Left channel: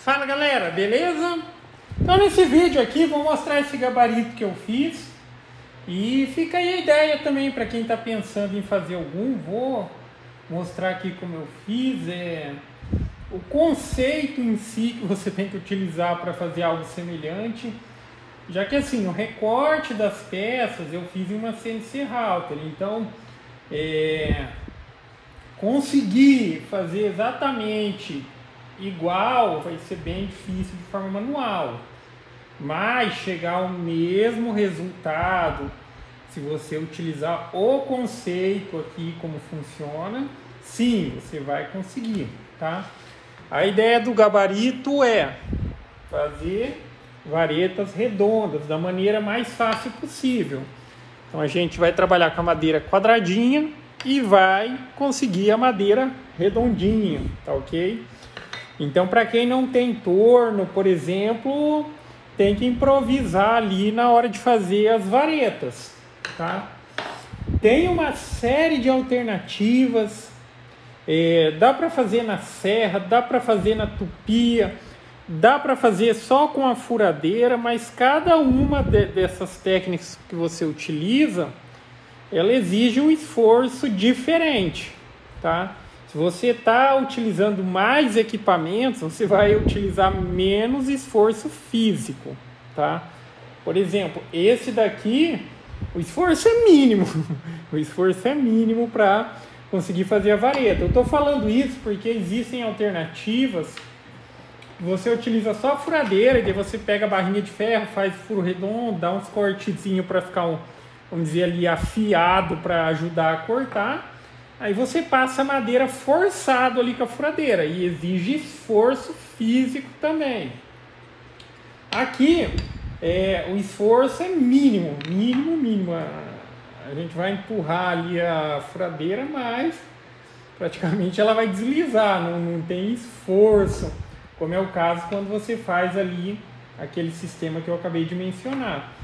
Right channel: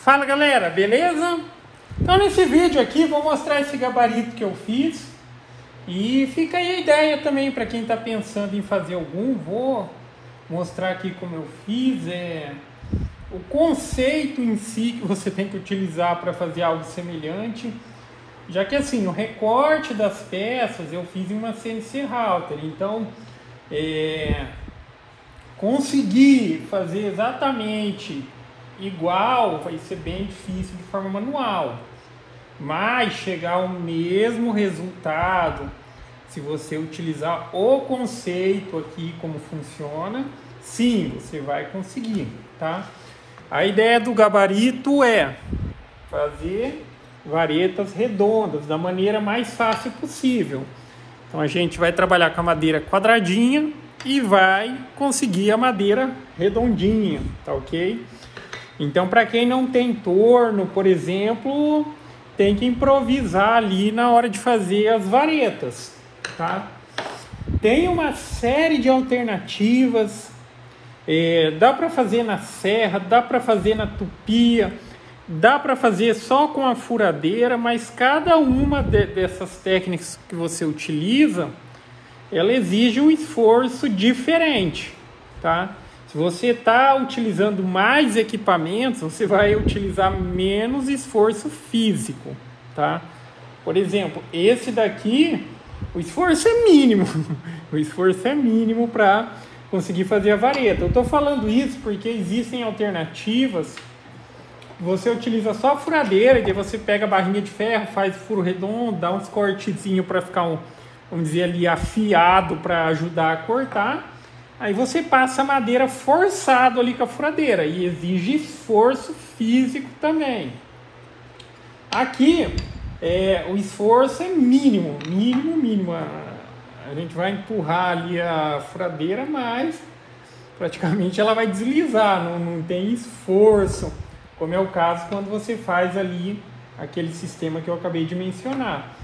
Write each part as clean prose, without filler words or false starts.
Fala galera, beleza? Então nesse vídeo aqui vou mostrar esse gabarito que eu fiz e fica aí a ideia também para quem está pensando em fazer algum. Vou mostrar aqui como eu fiz, o conceito em si que você tem que utilizar para fazer algo semelhante, já que assim, no recorte das peças eu fiz uma CNC Router, então conseguir fazer exatamente igual vai ser bem difícil de forma manual, mas chegar ao mesmo resultado se você utilizar o conceito aqui, como funciona, sim, você vai conseguir, tá? A ideia do gabarito é fazer varetas redondas da maneira mais fácil possível. Então a gente vai trabalhar com a madeira quadradinha e vai conseguir a madeira redondinha, tá ok? Então, para quem não tem torno, por exemplo, tem que improvisar ali na hora de fazer as varetas, tá? Tem uma série de alternativas, dá para fazer na serra, dá para fazer na tupia, dá para fazer só com a furadeira, mas cada uma dessas técnicas que você utiliza, ela exige um esforço diferente, tá? Se você está utilizando mais equipamentos, você vai utilizar menos esforço físico, tá? Por exemplo, esse daqui, o esforço é mínimo. O esforço é mínimo para conseguir fazer a vareta. Eu estou falando isso porque existem alternativas. Você utiliza só a furadeira e daí você pega a barrinha de ferro, faz furo redondo, dá uns cortezinhos para ficar, vamos dizer ali, afiado para ajudar a cortar. Aí você passa a madeira forçado ali com a furadeira e exige esforço físico também. Aqui o esforço é mínimo. A gente vai empurrar ali a furadeira, mas praticamente ela vai deslizar, não tem esforço, como é o caso quando você faz ali aquele sistema que eu acabei de mencionar.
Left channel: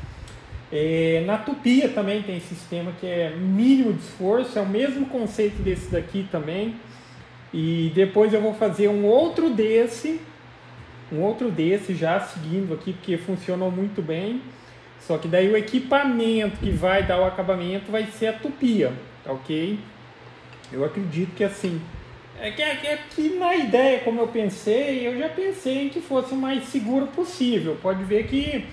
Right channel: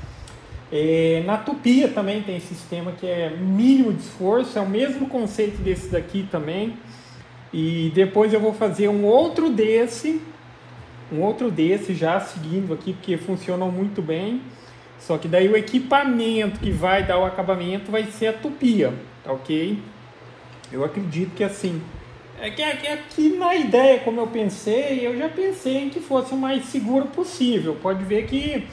Na tupia também tem sistema que é mínimo de esforço, é o mesmo conceito desse daqui também. E depois eu vou fazer um outro desse já seguindo aqui, porque funcionam muito bem. Só que daí o equipamento que vai dar o acabamento vai ser a tupia, tá ok? Eu acredito que assim, aqui na ideia, como eu pensei, eu já pensei em que fosse o mais seguro possível. Pode ver que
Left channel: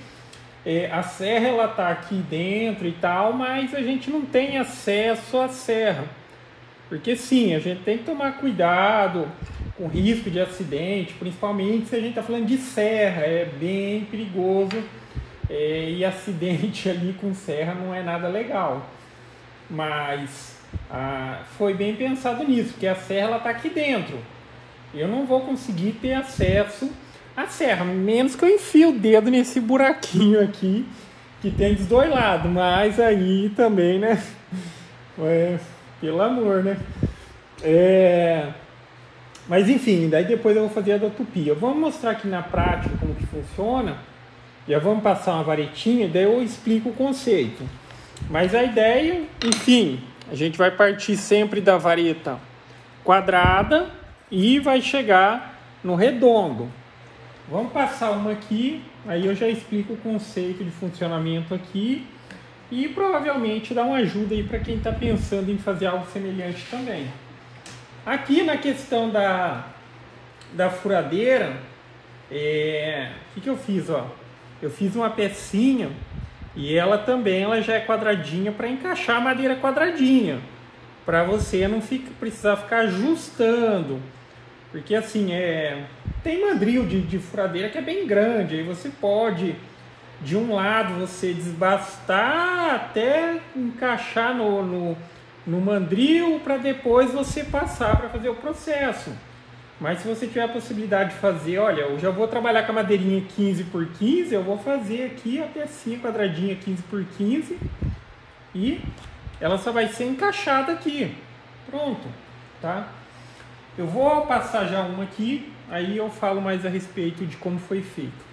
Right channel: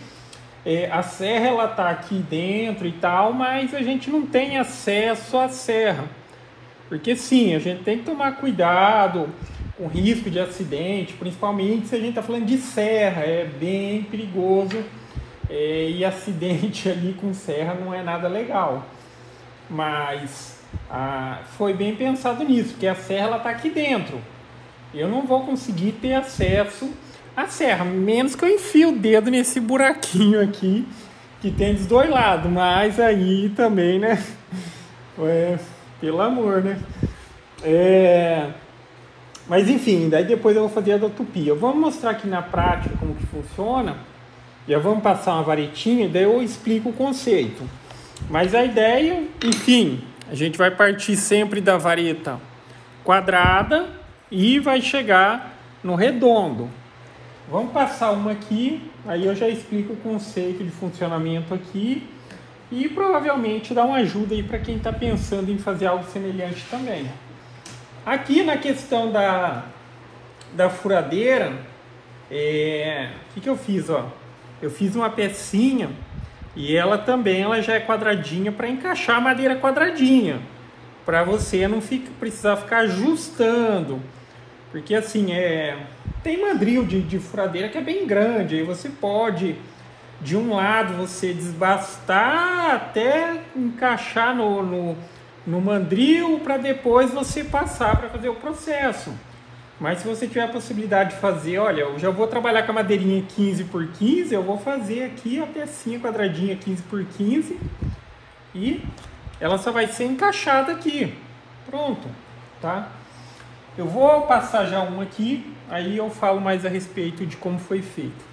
a serra ela tá aqui dentro e tal, mas a gente não tem acesso à serra, porque sim, a gente tem que tomar cuidado com risco de acidente, principalmente se a gente está falando de serra, é bem perigoso, e acidente ali com serra não é nada legal, mas foi bem pensado nisso, porque a serra ela tá aqui dentro, eu não vou conseguir ter acesso a serra, menos que eu enfie o dedo nesse buraquinho aqui que tem dos dois lados, mas aí também, né? Pelo amor, né? Mas enfim, daí depois eu vou fazer a da tupia. Vamos mostrar aqui na prática como que funciona. Já vamos passar uma varetinha, daí eu explico o conceito. Mas a ideia, enfim, a gente vai partir sempre da vareta quadrada e vai chegar no redondo. Vamos passar uma aqui, aí eu já explico o conceito de funcionamento aqui e provavelmente dá uma ajuda aí para quem está pensando em fazer algo semelhante também. Aqui na questão da furadeira, o que eu fiz? Ó? Eu fiz uma pecinha e ela já é quadradinha para encaixar a madeira quadradinha, para você não precisar ficar ajustando. Porque assim, tem mandril de furadeira que é bem grande, aí você pode, de um lado, você desbastar até encaixar no mandril para depois você passar para fazer o processo. Mas se você tiver a possibilidade de fazer, olha, eu já vou trabalhar com a madeirinha 15 por 15, eu vou fazer aqui a pecinha quadradinha 15 por 15 e ela só vai ser encaixada aqui. Pronto, tá? Eu vou passar já uma aqui, aí eu falo mais a respeito de como foi feito.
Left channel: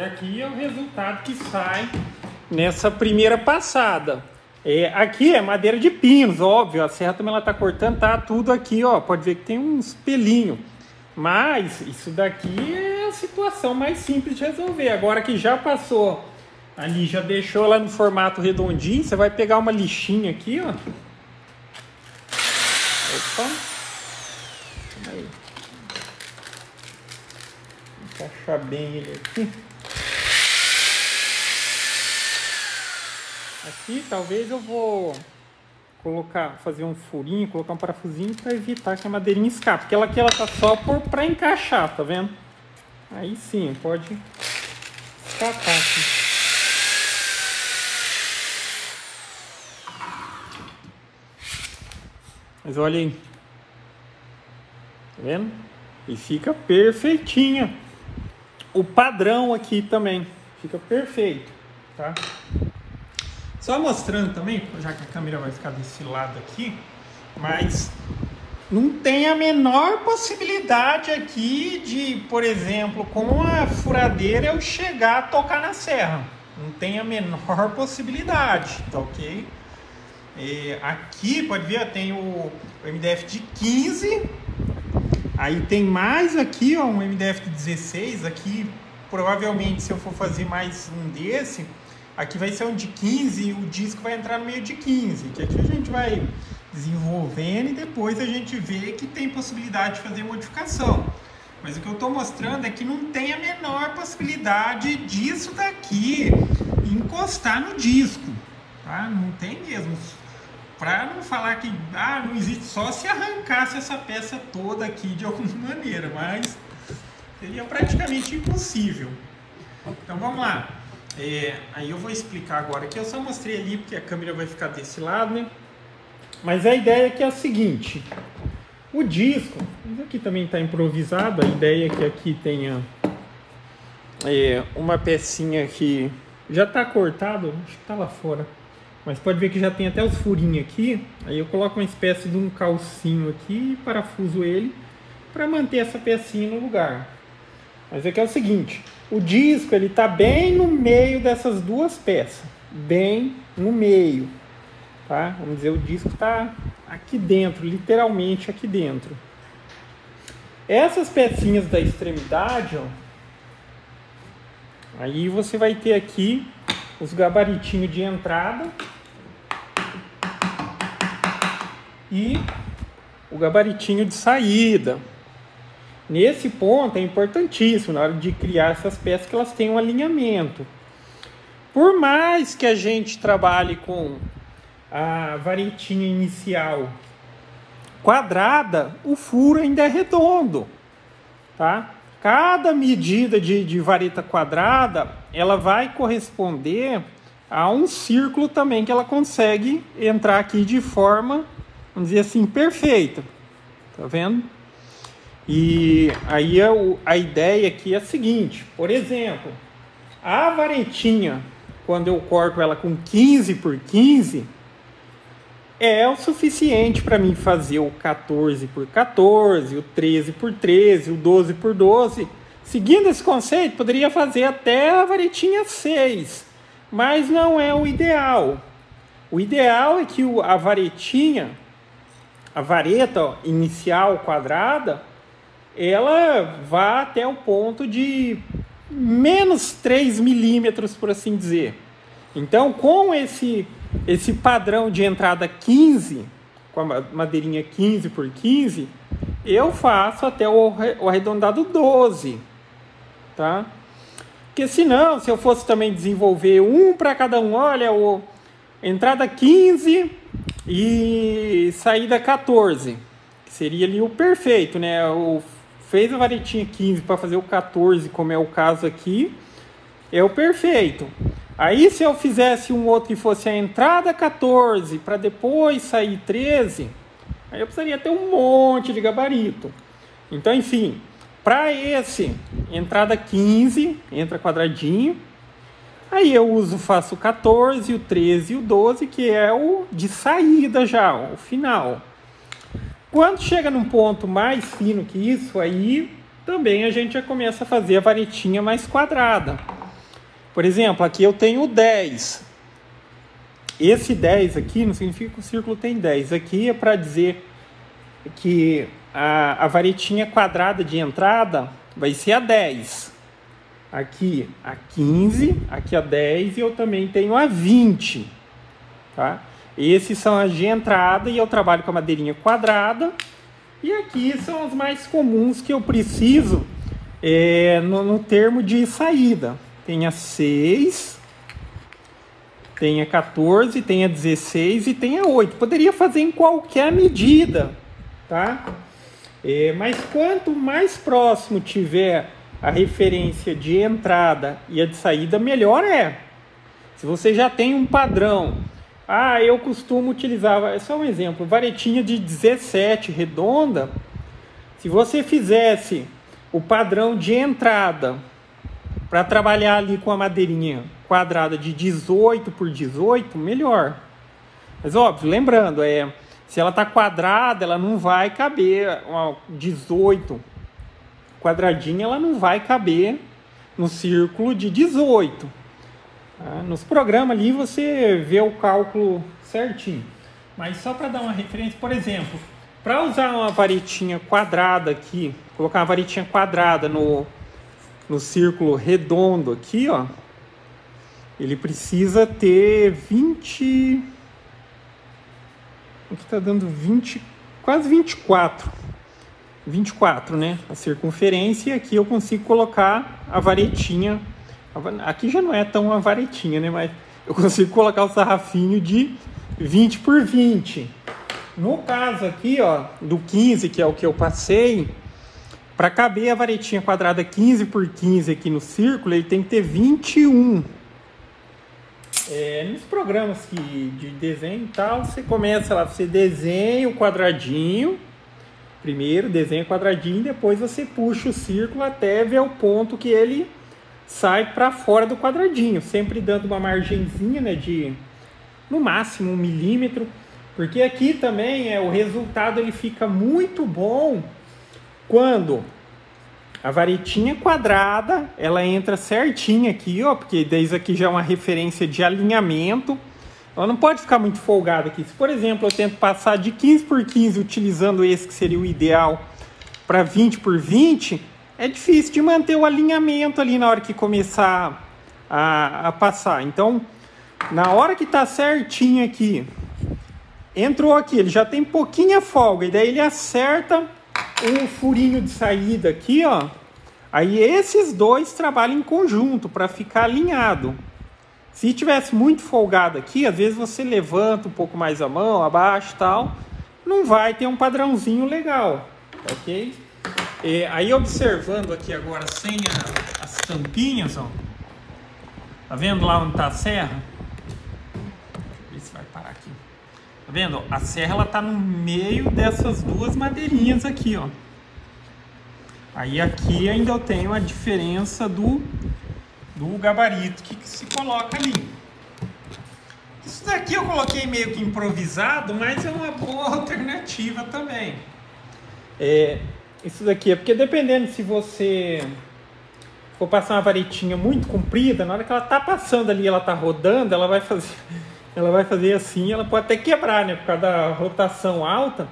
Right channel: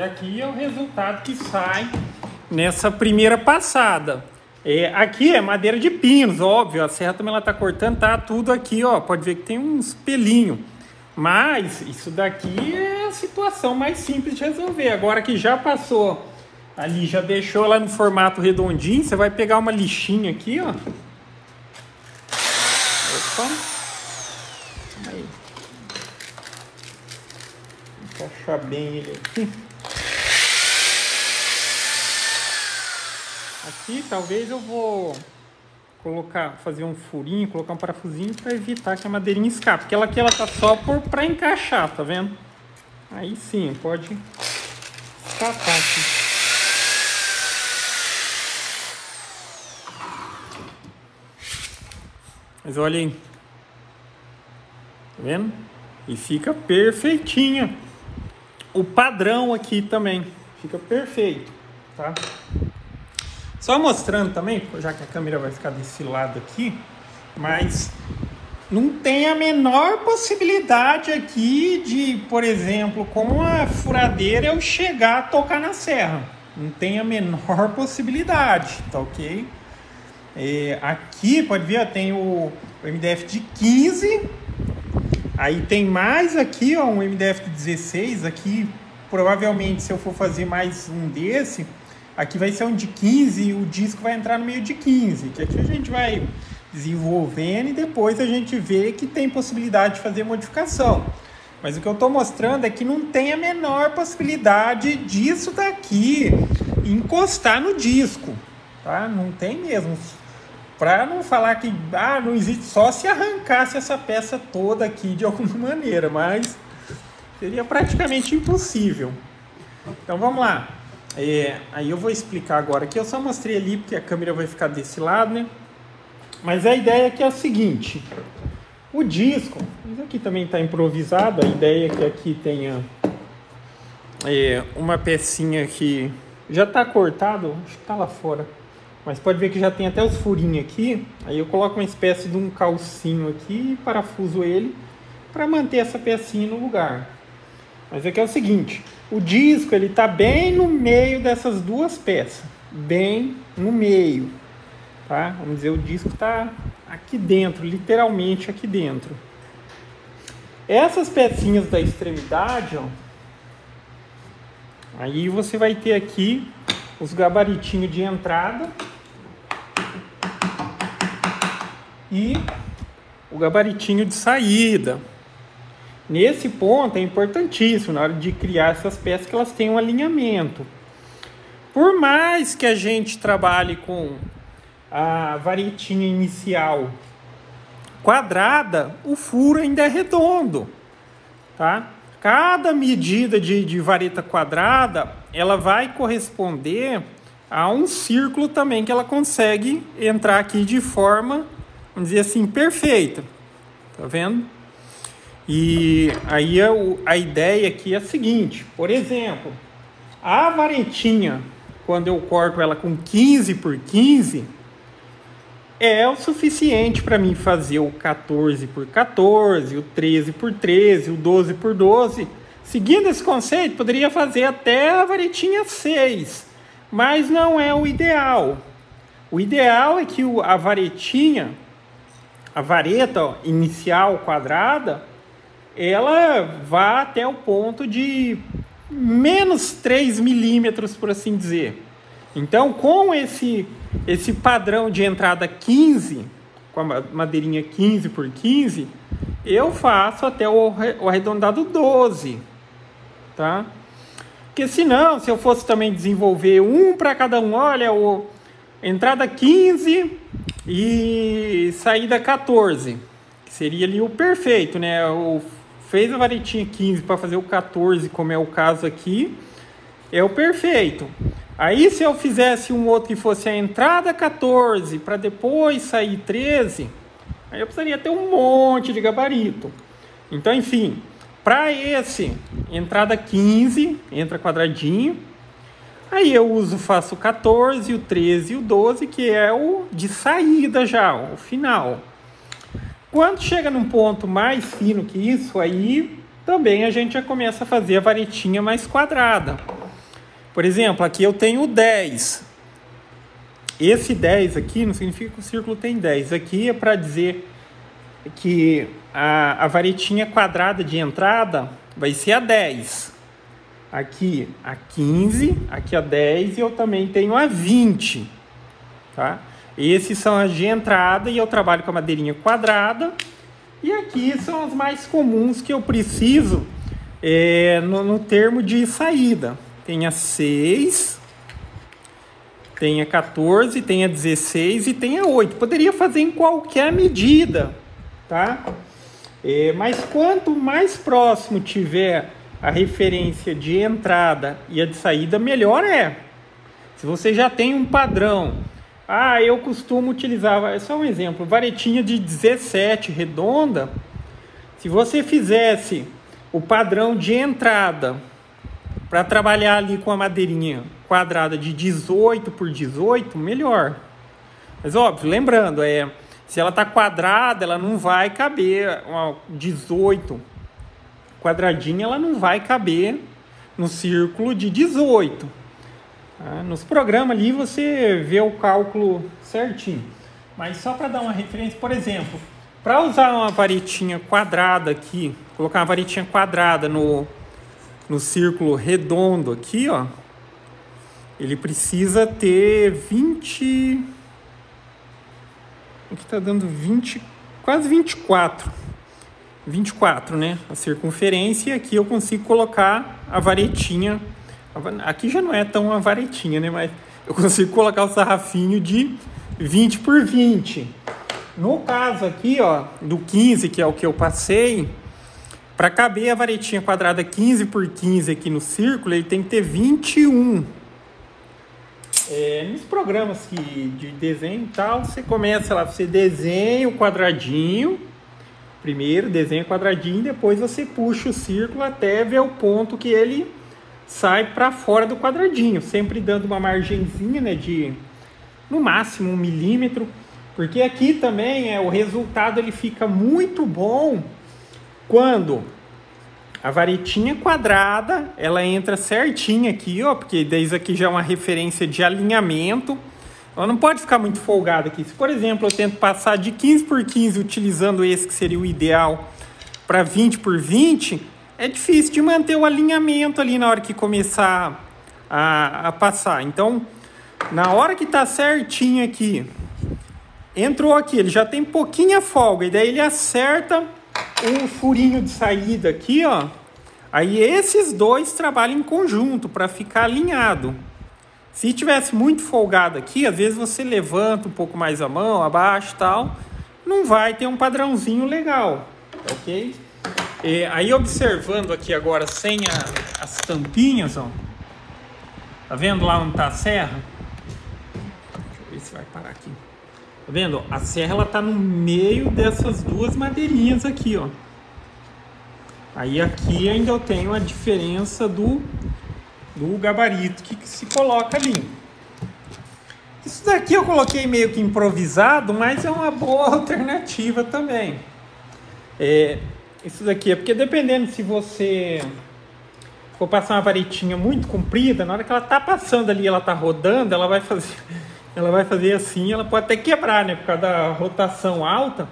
E aqui é o resultado que sai nessa primeira passada. Aqui é madeira de pinos, óbvio, a serra também ela tá cortando, tá tudo aqui, ó, pode ver que tem uns pelinhos. Mas isso daqui é a situação mais simples de resolver. Agora que já passou ali, já deixou lá no formato redondinho, você vai pegar uma lixinha aqui, ó. Opa. Vou encaixar bem ele aqui. Aqui talvez eu vou colocar, fazer um furinho, colocar um parafusinho para evitar que a madeirinha escape. Porque ela aqui ela tá só para encaixar, tá vendo? Aí sim, pode escapar aqui. Mas olha aí. Tá vendo? E fica perfeitinho. O padrão aqui também fica perfeito, tá? Só mostrando também, já que a câmera vai ficar desse lado aqui, mas não tem a menor possibilidade aqui de, por exemplo, com a furadeira eu chegar a tocar na serra. Não tem a menor possibilidade, tá ok? Aqui, pode ver, ó, tem o MDF de 15, aí tem mais aqui, ó, um MDF de 16, aqui provavelmente se eu for fazer mais um desse, aqui vai ser um de 15 e o disco vai entrar no meio de 15, que aqui a gente vai desenvolvendo e depois a gente vê que tem possibilidade de fazer modificação. Mas o que eu estou mostrando é que não tem a menor possibilidade disso daqui encostar no disco, tá? Não tem mesmo. Para não falar que não existe, só se arrancasse essa peça toda aqui de alguma maneira, mas seria praticamente impossível. Então vamos lá. Aí eu vou explicar agora aqui, eu só mostrei ali porque a câmera vai ficar desse lado, né? Mas a ideia aqui é a seguinte, o disco, isso aqui também está improvisado, a ideia é que aqui tenha uma pecinha que já está cortado, acho que está lá fora, mas pode ver que já tem até os furinhos aqui, aí eu coloco uma espécie de um calcinho aqui e parafuso ele para manter essa pecinha no lugar. Mas aqui é o seguinte, o disco ele está bem no meio dessas duas peças, bem no meio, tá? Vamos dizer, o disco está aqui dentro, literalmente aqui dentro. Essas pecinhas da extremidade, ó, aí você vai ter aqui os gabaritinhos de entrada e o gabaritinho de saída. Nesse ponto é importantíssimo na hora de criar essas peças que elas tenham um alinhamento. Por mais que a gente trabalhe com a varetinha inicial quadrada, o furo ainda é redondo, tá? Cada medida de vareta quadrada, ela vai corresponder a um círculo também que ela consegue entrar aqui de forma, vamos dizer assim, perfeita. Tá vendo? E aí a ideia aqui é a seguinte, por exemplo, a varetinha, quando eu corto ela com 15 por 15, é o suficiente para mim fazer o 14 por 14, o 13 por 13, o 12 por 12. Seguindo esse conceito, poderia fazer até a varetinha 6, mas não é o ideal. O ideal é que a varetinha, a vareta inicial quadrada, ela vá até o ponto de menos 3 milímetros, por assim dizer. Então, com esse padrão de entrada 15, com a madeirinha 15 por 15, eu faço até o arredondado 12, tá? Porque senão, se eu fosse também desenvolver um para cada um, olha, entrada 15 e saída 14, que seria ali o perfeito, né? Fez a varetinha 15 para fazer o 14, como é o caso aqui, é o perfeito. Aí se eu fizesse um outro que fosse a entrada 14 para depois sair 13, aí eu precisaria ter um monte de gabarito. Então, enfim, para esse entrada 15, entra quadradinho, aí eu faço o 14, o 13 e o 12, que é o de saída já, o final. Quando chega num ponto mais fino que isso, aí também a gente já começa a fazer a varetinha mais quadrada. Por exemplo, aqui eu tenho 10. Esse 10 aqui não significa que o círculo tem 10. Aqui é para dizer que a varetinha quadrada de entrada vai ser a 10. Aqui a 15, aqui a 10 e eu também tenho a 20. Tá? Esses são as de entrada e eu trabalho com a madeirinha quadrada. E aqui são as mais comuns que eu preciso no termo de saída. Tem a 6, tem a 14, tem a 16 e tem a 8. Poderia fazer em qualquer medida, tá? Mas quanto mais próximo tiver a referência de entrada e a de saída, melhor é. Se você já tem um padrão, eu costumo utilizar, é só um exemplo, varetinha de 17 redonda. Se você fizesse o padrão de entrada para trabalhar ali com a madeirinha quadrada de 18 por 18, melhor. Mas óbvio, lembrando, se ela está quadrada, ela não vai caber, 18 quadradinha, ela não vai caber no círculo de 18. Nos programas ali você vê o cálculo certinho. Mas só para dar uma referência, por exemplo, para usar uma varetinha quadrada aqui, colocar uma varetinha quadrada no círculo redondo aqui, ó, ele precisa ter 20... Aqui está dando 20, quase 24. 24, né? A circunferência, e aqui eu consigo colocar a varetinha. Aqui já não é tão uma varetinha, né? Mas eu consigo colocar o sarrafinho de 20 por 20. No caso aqui, ó, do 15, que é o que eu passei, para caber a varetinha quadrada 15 por 15 aqui no círculo, ele tem que ter 21. Nos programas de desenho e tal, você começa lá, você desenha o quadradinho, primeiro desenha o quadradinho, depois você puxa o círculo até ver o ponto que ele sai para fora do quadradinho, sempre dando uma margenzinha, né, de no máximo 1 milímetro, porque aqui também o resultado ele fica muito bom quando a varetinha quadrada, ela entra certinha aqui, ó, porque desde aqui já é uma referência de alinhamento. Ela não pode ficar muito folgada aqui. Se, por exemplo, eu tento passar de 15 por 15, utilizando esse que seria o ideal, para 20 por 20, é difícil de manter o alinhamento ali na hora que começar a passar. Então, na hora que tá certinho aqui, entrou aqui, ele já tem pouquinha folga, e daí ele acerta um furinho de saída aqui, ó. Aí esses dois trabalham em conjunto para ficar alinhado. Se tivesse muito folgado aqui, às vezes você levanta um pouco mais a mão, abaixa e tal, não vai ter um padrãozinho legal, ok? Aí observando aqui agora sem as tampinhas, ó. Tá vendo lá onde tá a serra? Deixa eu ver se vai parar aqui. Tá vendo? A serra ela tá no meio dessas duas madeirinhas aqui, ó. Aí aqui ainda eu tenho a diferença do gabarito que se coloca ali. Isso daqui eu coloquei meio que improvisado, mas é uma boa alternativa também. Isso daqui é porque dependendo se você for passar uma varetinha muito comprida, na hora que ela tá passando ali, ela tá rodando, ela vai fazer assim, ela pode até quebrar, né? Por causa da rotação alta,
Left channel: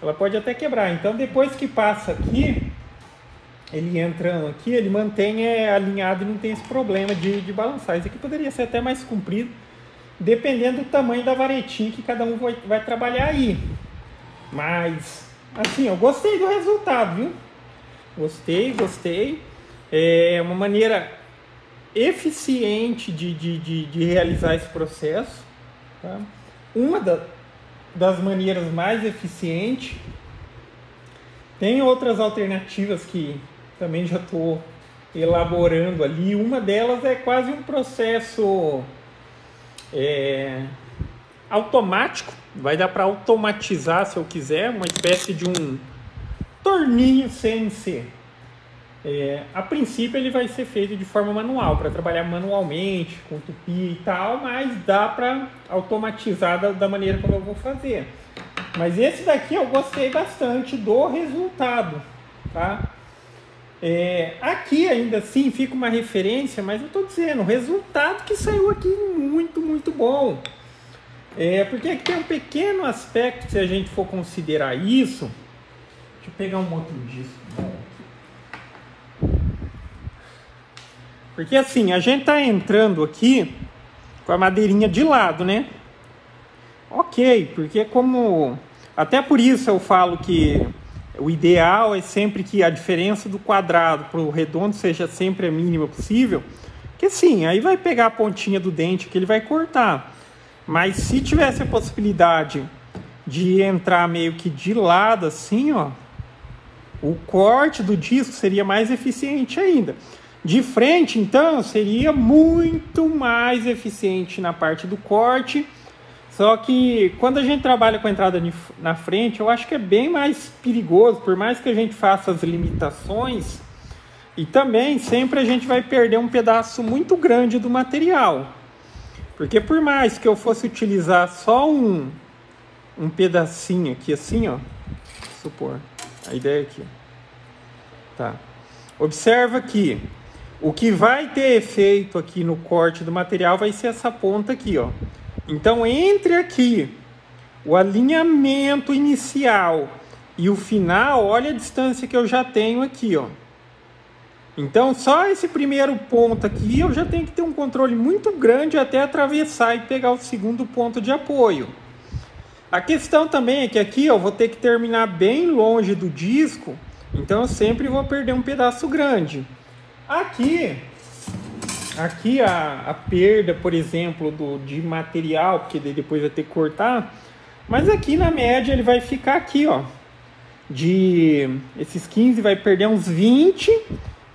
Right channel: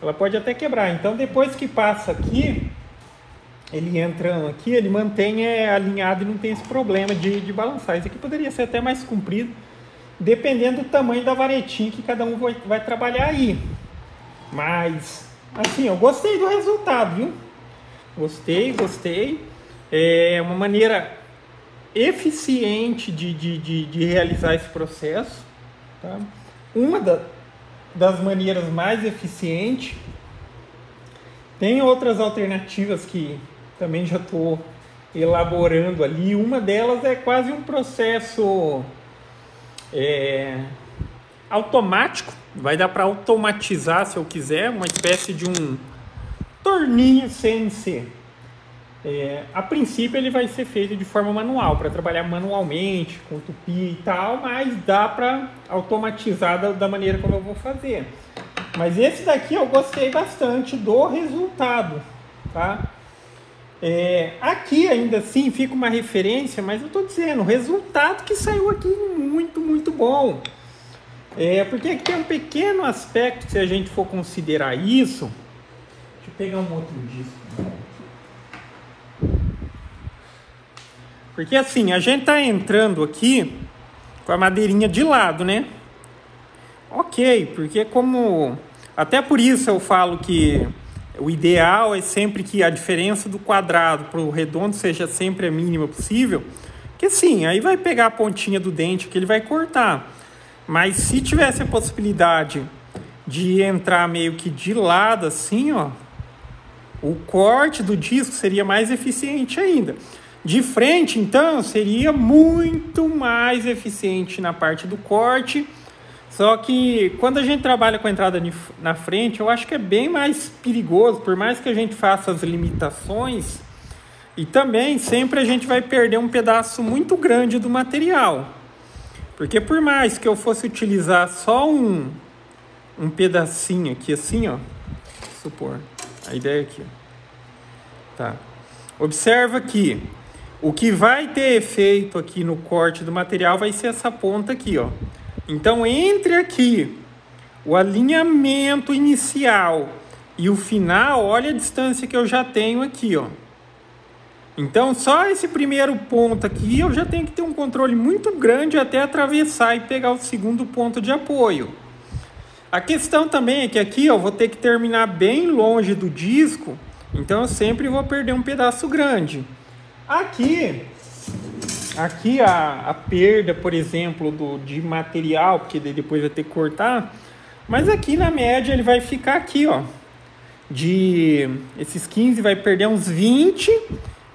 ela pode até quebrar. Então depois que passa aqui, ele entrando aqui, ele mantém alinhado e não tem esse problema de balançar. Esse aqui poderia ser até mais comprido, dependendo do tamanho da varetinha que cada um vai trabalhar aí. Mas, assim, eu gostei do resultado, viu? Gostei. É uma maneira eficiente de realizar esse processo, tá? Uma das maneiras mais eficientes. Tem outras alternativas que também já estou elaborando ali. Uma delas é quase um processo automático. Vai dar para automatizar, se eu quiser, uma espécie de um torninho CNC. A princípio ele vai ser feito de forma manual, para trabalhar manualmente, com tupi e tal, mas dá para automatizar da maneira como eu vou fazer. Mas esse daqui eu gostei bastante do resultado, tá? Aqui ainda assim fica uma referência, mas eu estou dizendo, o resultado que saiu aqui muito, muito bom. Porque aqui tem um pequeno aspecto, se a gente for considerar isso. Deixa eu pegar um outro disco. Porque assim, a gente está entrando aqui com a madeirinha de lado, né? Ok, porque como... Até por isso eu falo que o ideal é sempre que a diferença do quadrado para o redondo seja sempre a mínima possível. Porque sim, aí vai pegar a pontinha do dente que ele vai cortar. Mas se tivesse a possibilidade de entrar meio que de lado assim, ó, o corte do disco seria mais eficiente ainda. De frente, então, seria muito mais eficiente na parte do corte. Só que quando a gente trabalha com a entrada na frente, eu acho que é bem mais perigoso, por mais que a gente faça as limitações. E também sempre a gente vai perder um pedaço muito grande do material. Porque por mais que eu fosse utilizar só um pedacinho aqui assim, ó. Supor, a ideia aqui, ó. Tá. Observa que o que vai ter efeito aqui no corte do material vai ser essa ponta aqui, ó. Então, entre aqui, o alinhamento inicial e o final, olha a distância que eu já tenho aqui, ó. Então, só esse primeiro ponto aqui, eu já tenho que ter um controle muito grande até atravessar e pegar o segundo ponto de apoio. A questão também é que aqui eu vou ter que terminar bem longe do disco, então eu sempre vou perder um pedaço grande. Aqui a perda, por exemplo, de material, porque depois vai ter que cortar, mas aqui na média ele vai ficar aqui, ó, esses 15 vai perder uns 20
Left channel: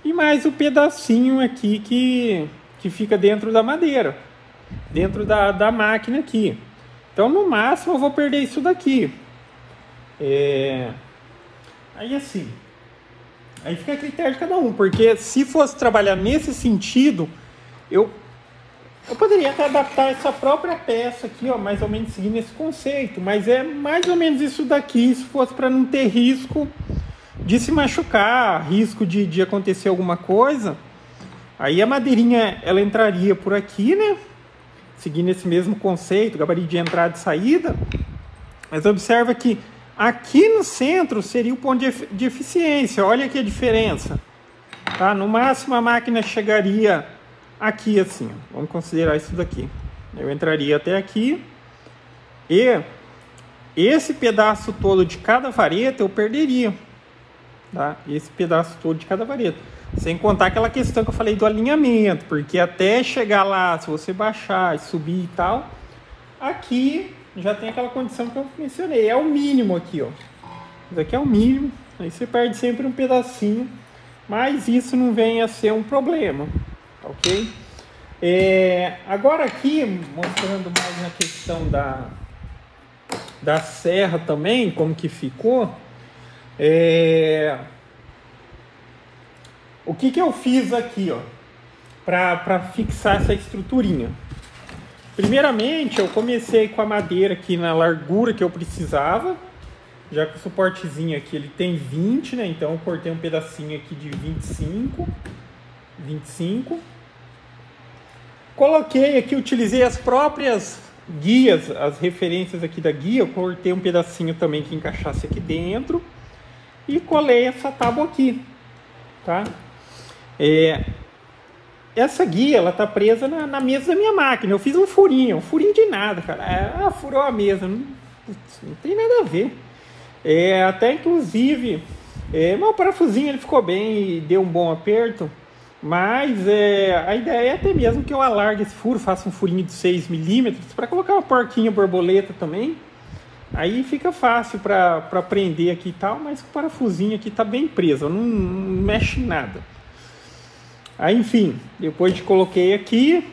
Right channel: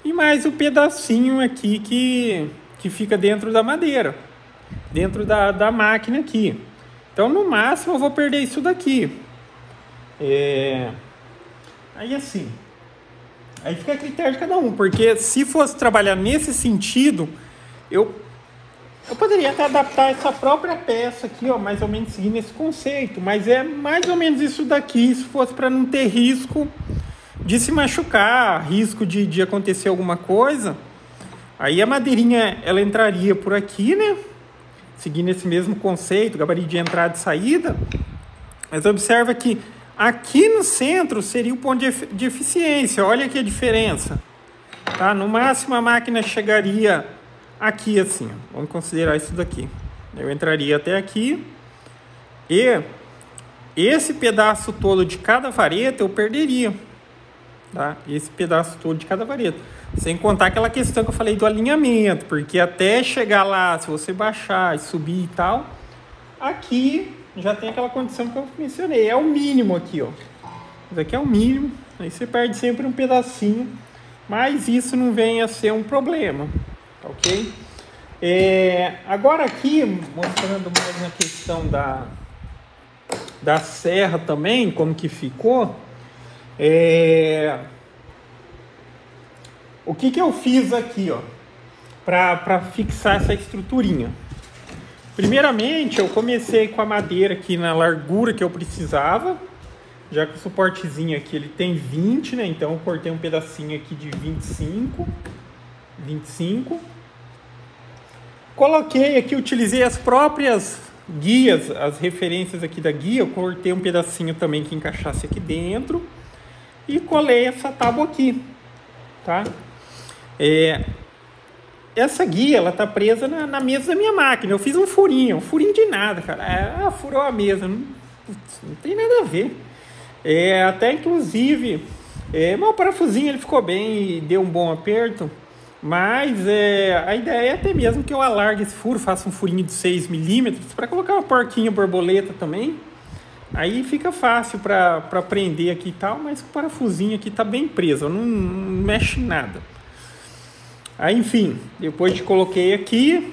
e mais um pedacinho aqui que fica dentro da madeira, dentro da máquina aqui. Então no máximo eu vou perder isso daqui. Aí assim, aí fica a critério de cada um, porque se fosse trabalhar nesse sentido, eu poderia adaptar essa própria peça aqui, ó, mais ou menos seguindo esse conceito, mas é mais ou menos isso daqui, se fosse para não ter risco de se machucar, risco de acontecer alguma coisa. Aí a madeirinha, ela entraria por aqui, né? Seguindo esse mesmo conceito, gabarito de entrada e saída. Mas observa que aqui no centro seria o ponto de eficiência. Olha aqui a diferença. Tá? No máximo a máquina chegaria aqui assim. Vamos considerar isso daqui. Eu entraria até aqui. E esse pedaço todo de cada vareta eu perderia. Tá? Esse pedaço todo de cada vareta. Sem contar aquela questão que eu falei do alinhamento. Porque até chegar lá, se você baixar e subir e tal, aqui já tem aquela condição que eu mencionei. É o mínimo aqui, ó. Isso aqui é o mínimo. Aí você perde sempre um pedacinho. Mas isso não vem a ser um problema. Ok? Agora aqui, mostrando mais na questão da serra também, como que ficou. O que eu fiz aqui, ó, para fixar essa estruturinha? Primeiramente, eu comecei com a madeira aqui na largura que eu precisava, já que o suportezinho aqui ele tem 20, né? Então eu cortei um pedacinho aqui de 25. Coloquei aqui, utilizei as próprias guias, as referências aqui da guia, eu cortei um pedacinho também que encaixasse aqui dentro e colei essa tábua aqui, tá? Essa guia, ela tá presa na mesa da minha máquina. Eu fiz um furinho de nada, cara. Ela furou a mesa, não tem nada a ver. Até inclusive, meu parafusinho ele ficou bem e deu um bom aperto. Mas a ideia é até mesmo que eu alargue esse furo, faça um furinho de 6 milímetros para colocar uma porquinha borboleta também. Aí fica fácil para prender aqui e tal, mas o parafusinho aqui tá bem preso, não mexe em nada. Aí, enfim, depois de coloquei aqui,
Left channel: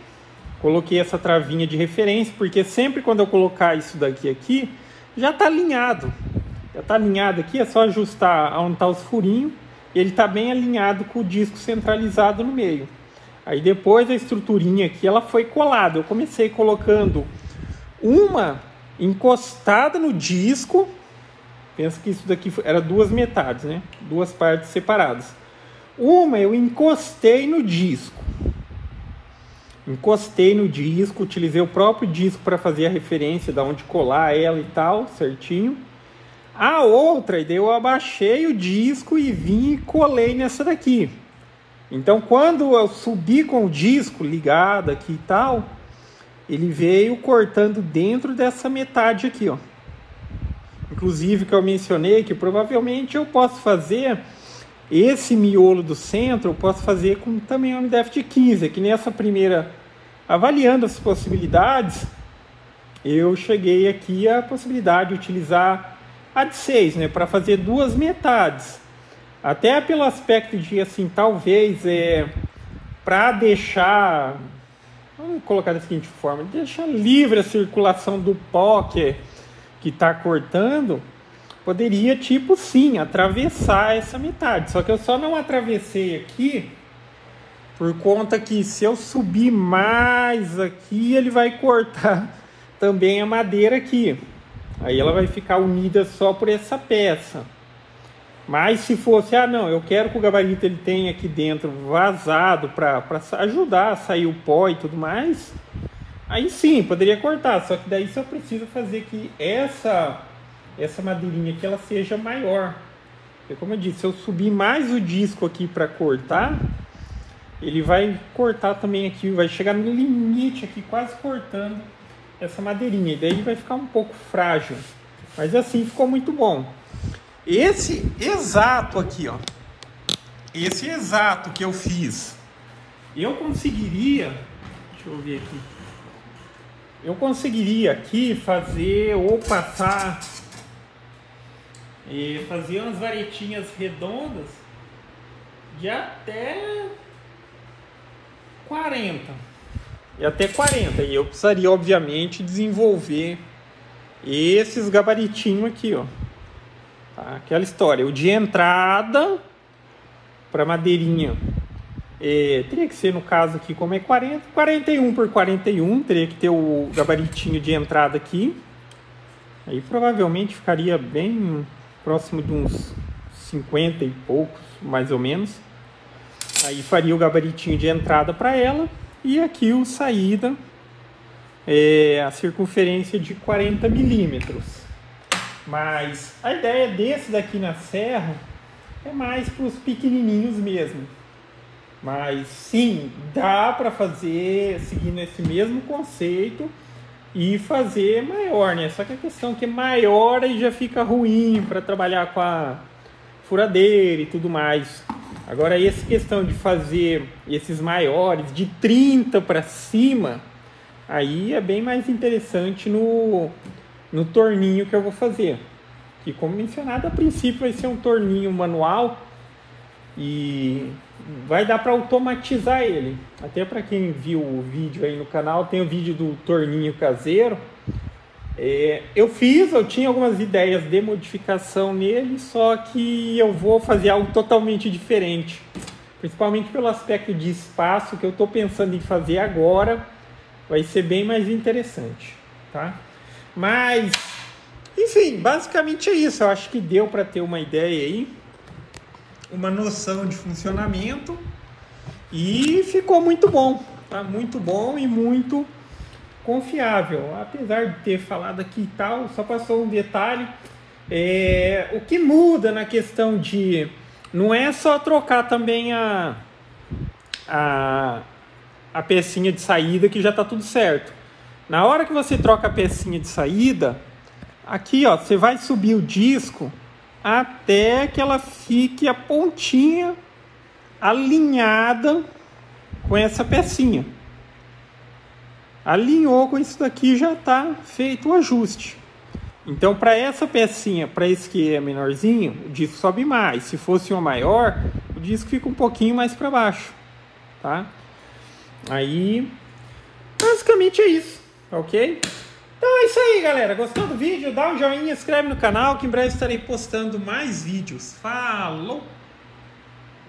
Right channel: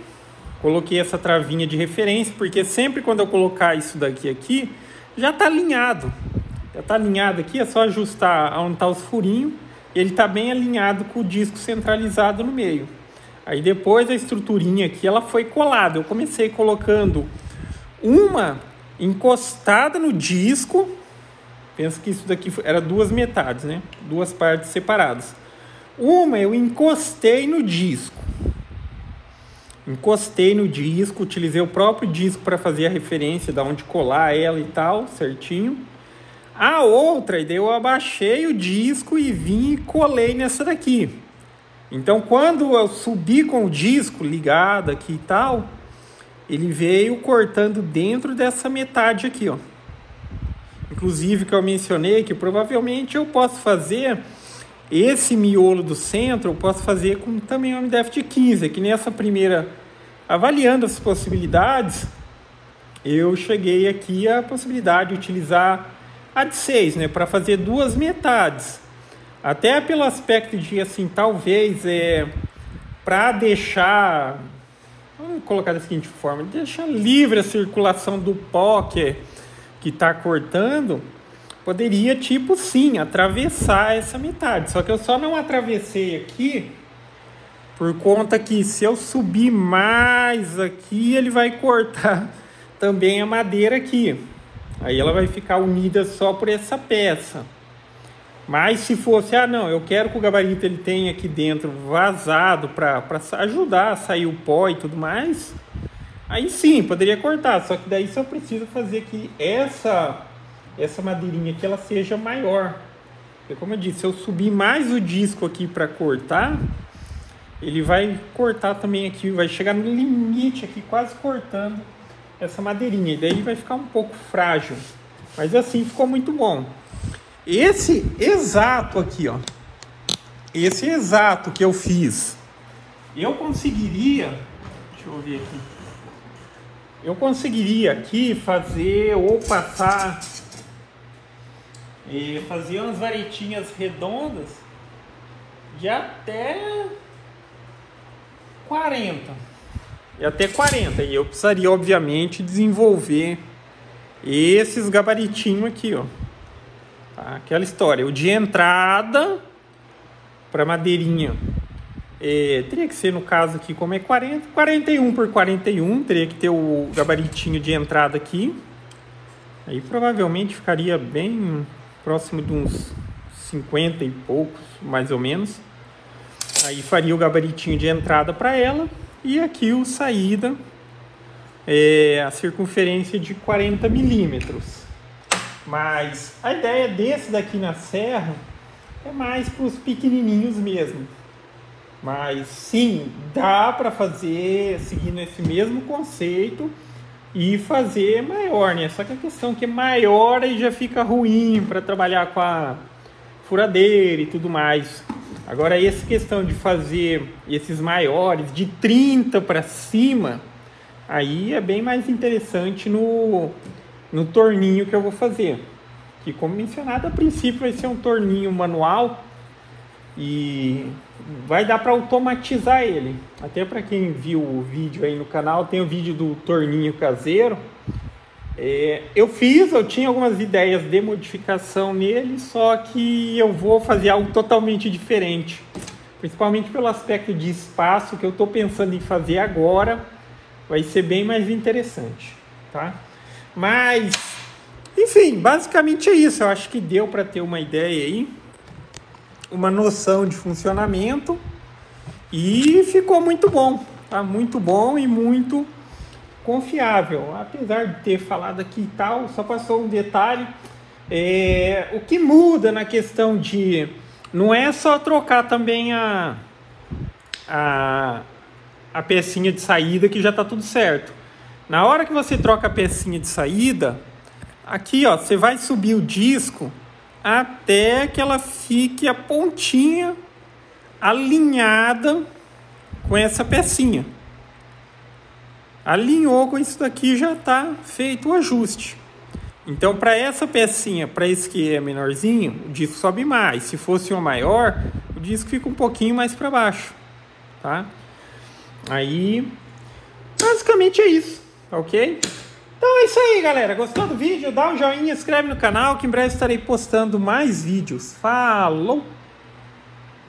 coloquei essa travinha de referência, porque sempre quando eu colocar isso daqui aqui, já tá alinhado. Já tá alinhado aqui, é só ajustar onde tá os furinhos, e ele tá bem alinhado com o disco centralizado no meio. Aí depois a estruturinha aqui, ela foi colada. Eu comecei colocando uma encostada no disco. Pensa que isso daqui era duas metades, né? Duas partes separadas. Uma eu encostei no disco. Encostei no disco, utilizei o próprio disco para fazer a referência de onde colar ela e tal, certinho. A outra, daí eu abaixei o disco e vim e colei nessa daqui. Então, quando eu subi com o disco ligado aqui e tal, ele veio cortando dentro dessa metade aqui, ó. Inclusive, que eu mencionei que provavelmente eu posso fazer esse miolo do centro, eu posso fazer com também o MDF de 15. Aqui nessa primeira, avaliando as possibilidades, eu cheguei aqui à possibilidade de utilizar a de 6, né, para fazer duas metades. Até pelo aspecto de, assim, talvez, para deixar, vamos colocar da seguinte forma, deixar livre a circulação do pó que está cortando, poderia, tipo, sim, atravessar essa metade. Só que eu só não atravessei aqui por conta que se eu subir mais aqui, ele vai cortar também a madeira aqui. Aí ela vai ficar unida só por essa peça. Mas se fosse, ah não, eu quero que o gabarito ele tenha aqui dentro vazado para ajudar a sair o pó e tudo mais, aí sim, poderia cortar. Só que daí só precisa fazer que essa madeirinha aqui ela seja maior. Porque como eu disse, se eu subir mais o disco aqui para cortar, ele vai cortar também aqui, vai chegar no limite aqui, quase cortando essa madeirinha. E daí ele vai ficar um pouco frágil. Mas assim ficou muito bom. Esse exato aqui, ó. Esse exato que eu fiz, eu conseguiria, deixa eu ver aqui. Eu conseguiria aqui fazer ou passar e fazer umas varetinhas redondas de até 40. E até 40. E eu precisaria, obviamente, desenvolver esses gabaritinhos aqui, ó. Aquela história, o de entrada para madeirinha teria que ser, no caso aqui, como é 40, 41 por 41, teria que ter o gabaritinho de entrada aqui. Aí provavelmente ficaria bem próximo de uns 50 e poucos, mais ou menos. Aí faria o gabaritinho de entrada para ela e aqui o saída, a circunferência de 40 milímetros. Mas a ideia desse daqui na serra é mais para os pequenininhos mesmo. Mas sim, dá para fazer seguindo esse mesmo conceito e fazer maior, né? Só que a questão é que maior aí já fica ruim para trabalhar com a furadeira e tudo mais. Agora essa questão de fazer esses maiores de 30 para cima, aí é bem mais interessante no torninho que eu vou fazer. Que, como mencionado, a princípio vai ser um torninho manual e vai dar para automatizar ele. Até para quem viu o vídeo aí no canal, tem o vídeo do torninho caseiro. Eu tinha algumas ideias de modificação nele, só que eu vou fazer algo totalmente diferente. Principalmente pelo aspecto de espaço que eu estou pensando em fazer agora, vai ser bem mais interessante, tá? Mas, enfim, basicamente é isso. Eu acho que deu para ter uma ideia aí, uma noção de funcionamento e ficou muito bom, tá? Muito bom e muito confiável. Apesar de ter falado aqui e tal, só passou um detalhe. O que muda na questão de... Não é só trocar também a pecinha de saída que já está tudo certo. Na hora que você troca a pecinha de saída, aqui ó, você vai subir o disco até que ela fique a pontinha alinhada com essa pecinha. Alinhou com isso daqui, já está feito o ajuste. Então, para essa pecinha, para esse que é menorzinho, o disco sobe mais. Se fosse o maior, o disco fica um pouquinho mais para baixo, tá? Aí, basicamente é isso, ok? Então é isso aí, galera. Gostou do vídeo? Dá um joinha, inscreve no canal que em breve estarei postando mais vídeos. Falou!